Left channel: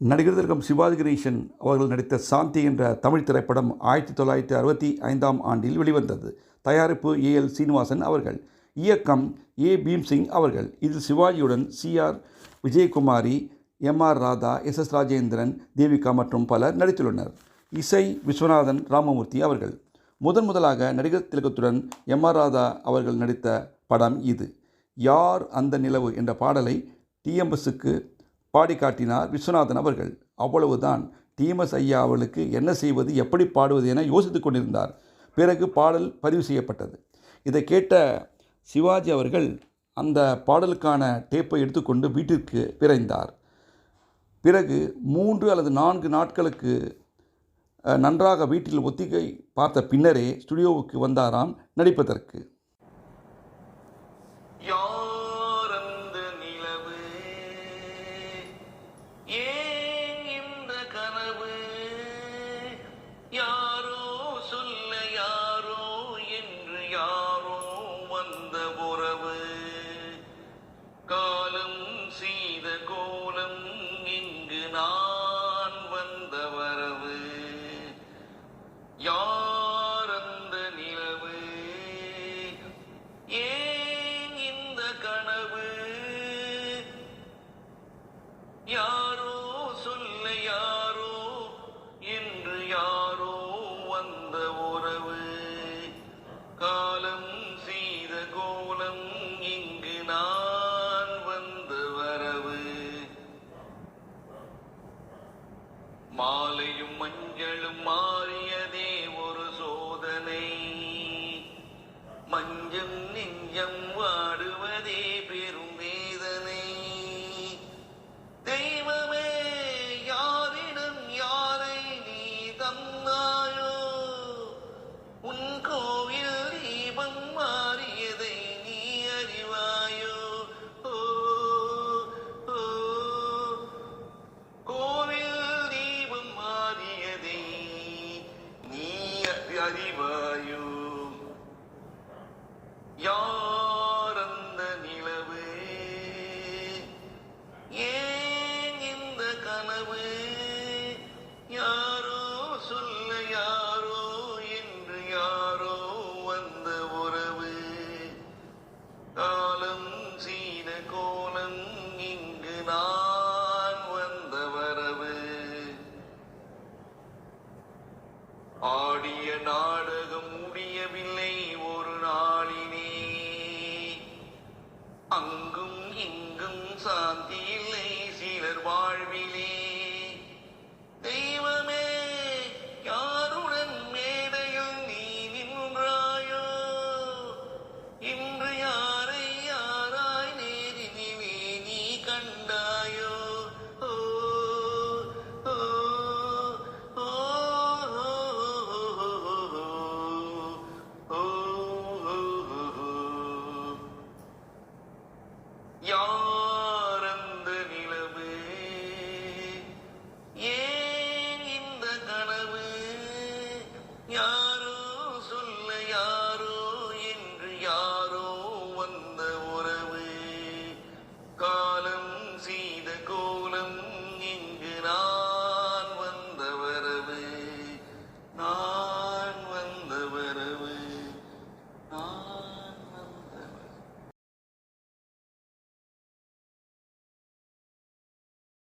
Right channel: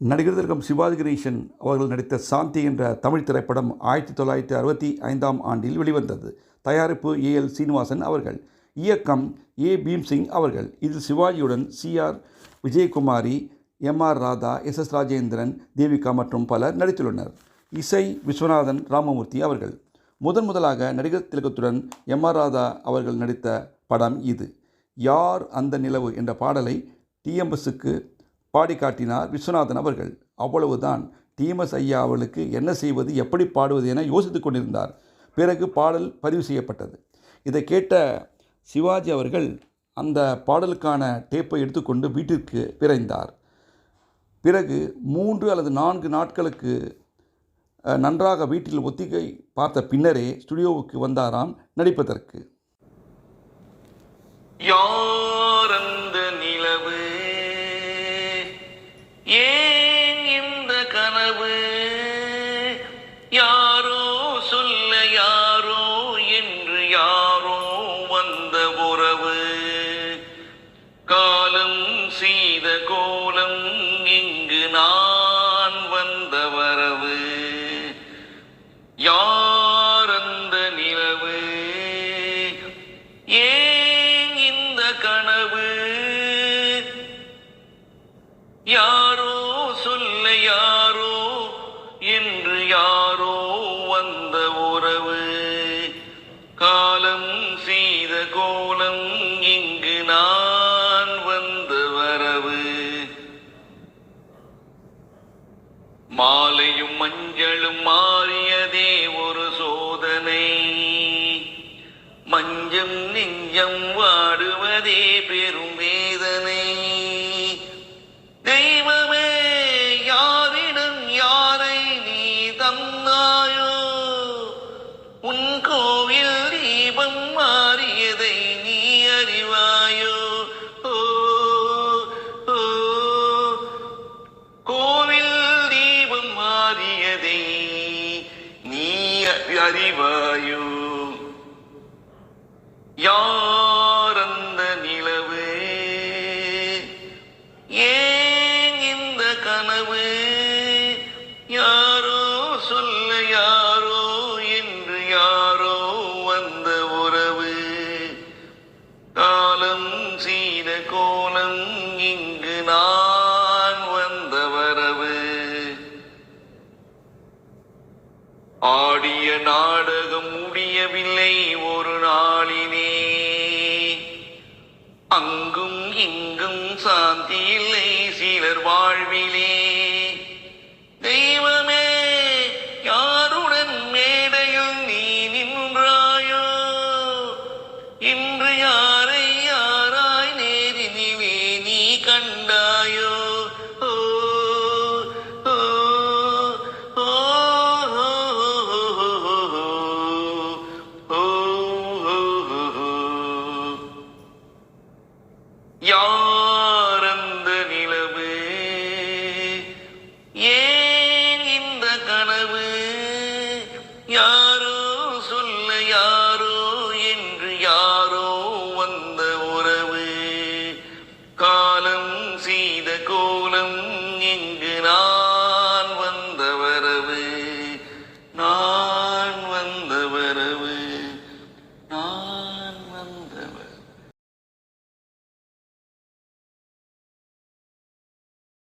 நடிகர் திலகம் சிவாஜி கணேசன் அவர்கள் நடித்த சாந்தி என்ற தமிழ் திரைப்படம் 1965ஆம் ஆண்டில் வெளிவந்தது. தயாரிப்பு ஏ.எல். சீனிவாசன் அவர்கள், இயக்கம் ஏ. பீம்சிங் அவர்கள். இதில் சிவாஜியுடன் சி.ஆர். விஜயகுமாரி, எம்.ஆர். ராதா, எஸ்.எஸ். ராஜேந்திரன், தேவிகா மற்றும் பலர் நடித்துள்ளனர். இசை விஸ்வநாதன் ராமமூர்த்தி அவர்கள். முதலாக நடிகர் திலகத்துடன் எம்.ஆர். ராதா அவர்கள் நடித்த படம் இது. யார் அந்த நிலவு என்ற பாடலை டி.எம்.எஸ்க்கு பாடி காட்டினார் விஸ்வநாதன் அவர்கள். அவ்வளவுதான். டி.எம்.எஸ். ஐயா அவர்களுக்கு என்ன செய்வது, எப்படி பாடுவது என யோசித்துக் கொண்டிருந்தார். பிறகு பாடல் பதிவு செய்யப்பட்டது. இதை கேட்ட சிவாஜி அவர்கள் அந்த பாடலுக்கான டேப்பை எடுத்துக்கொண்டு வீட்டிற்கு விரைந்தார். பிறகு 3 அல்லது 4 நாட்களுக்கு நன்றாக வீட்டில் ஒத்திகை பார்த்த பின்னரே ஸ்டுடியோவுக்கு வந்தாராம் நடிப்பதற்கு. யார் அந்த நிலவு, ஏன் இந்த கனவு, யாரோ சொல்ல யாரோ என்று யாரோ வந்த உறவு, காலம் செய்த கோலம் இங்கு நான் வந்த வரவு, யார் அந்த நிலவு, ஏன் இந்த கனவு, யாரோ சொல்ல யாரோ என்று யாரோ வந்த உறவு, காலம் செய்த கோலம் இங்கு நான் வந்த வரவு, மாலையும் மஞ்சளும் மாறியதே ஒரு சோதனை, மஞ்சம் நெஞ்சம் வாடுவதே பெரும் வேதனை, தெய்வமே யாரிடம் யாரை நீ தந்தாயோ, உன் கோவில் தீபம் மாறியதை நீ அறிவாயோ, ஓ ஓ, கோவில் தீபம் மாறியதை நீ அறிவாயோ, யார் அந்த நிலவு, ஏன் இந்த கனவு, யாரோ சொல்ல யாரோ என்று யாரோ வந்த உறவு, காலம் செய்த கோலம் இங்கு நான் வந்த வரவு, ஆடிய நாடகம் முடியவில்லை ஒரு நாளினே, அங்கும் இங்கும் சாந்தி இல்லை சிலர் வாழ்